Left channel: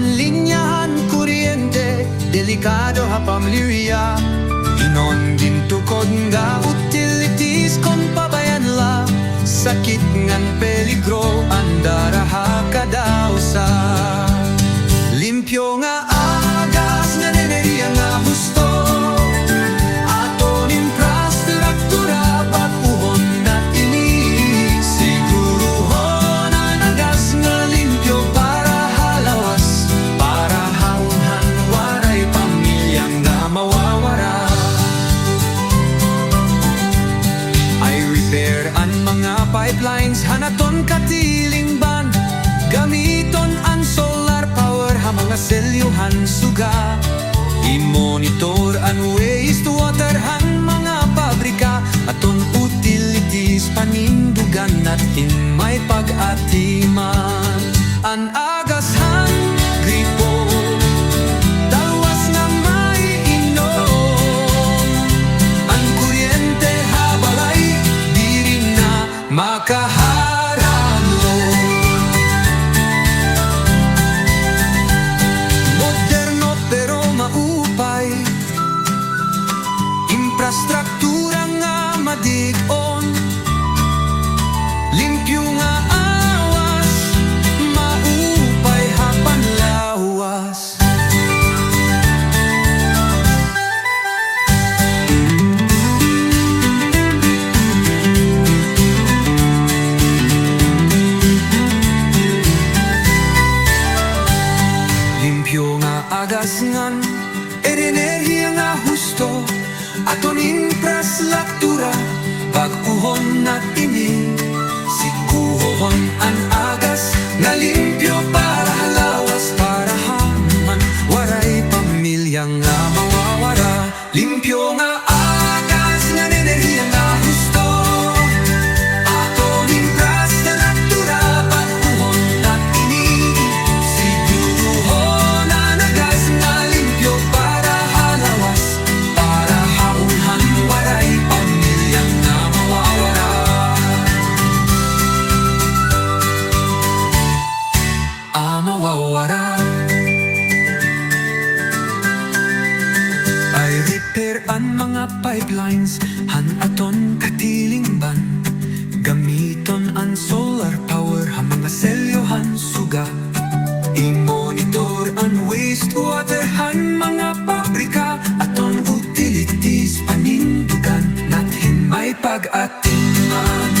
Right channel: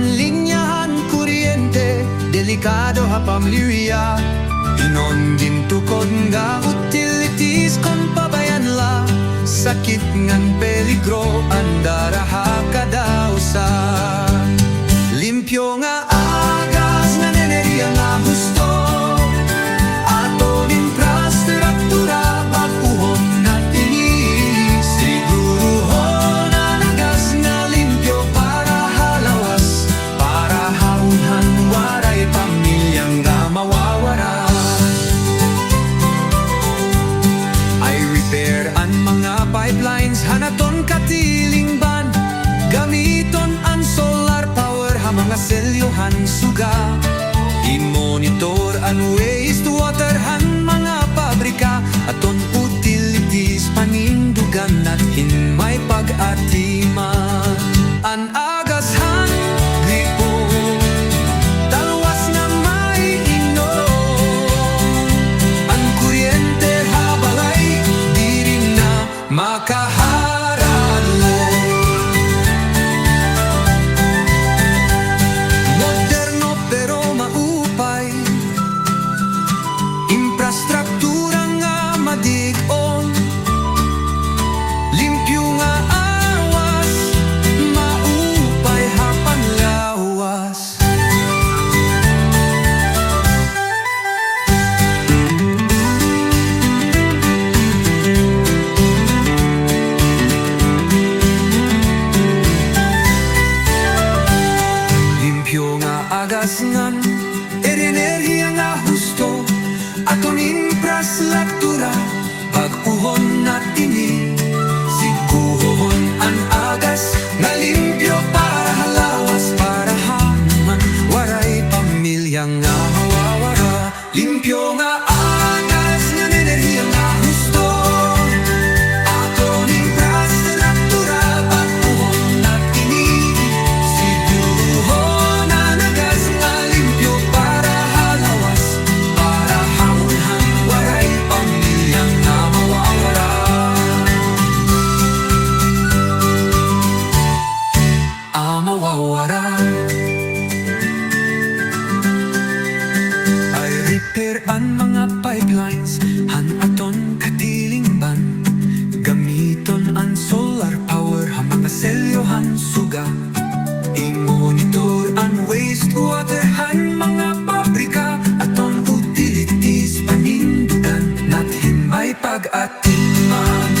Anlinyahan kuryente, delikado ha pamilya. Inon din tukod nga utilities kon pabayan la. Sakit ngan peligro andara ha kadausa. Limpyo nga agas ngan enerhiya nga husto. Aton infrastruktura pag-uhon natin siguruhon ang agas nga limpyo para halawas, para haunhan waray pamilya nga mawawara. Ay repair ang mga pipelines hanaton katilingban. Gamiton ang solar power ha mga selyohan suga. I-monitor ang wastewater han mga pabrika. Aton utilities panindugan at hinmay pag-atiman. Ang agas han gripo talwas nga may inom. Ang kuryente ha balay di rin na makaharadlo. Moderno pero maupay, infrastruktura nga madig-on. Limpyo nga awas, maupay ha panlawas. Limpyo nga agas ngan enerhiya nga husto. Aton infrastruktura pag-uhon natin siguhon ang agas nga limpyo para halawas, para haman waray pamilya nga mawawara. Limpyo nga agas nga enerhiya nga husto. Aton infrastruktura pag-uhon natin siguruhon ang agas nga limpyo para halawas, para haunhan waray pamilya nga mawawara. Mawawara. Ay repair ang mga pipelines han aton katilingban. Gamiton ang solar power ha mga selyohan suga. I-monitor ang wastewater han mga pabrika. Aton utilities panindugan natin may pag-atiman.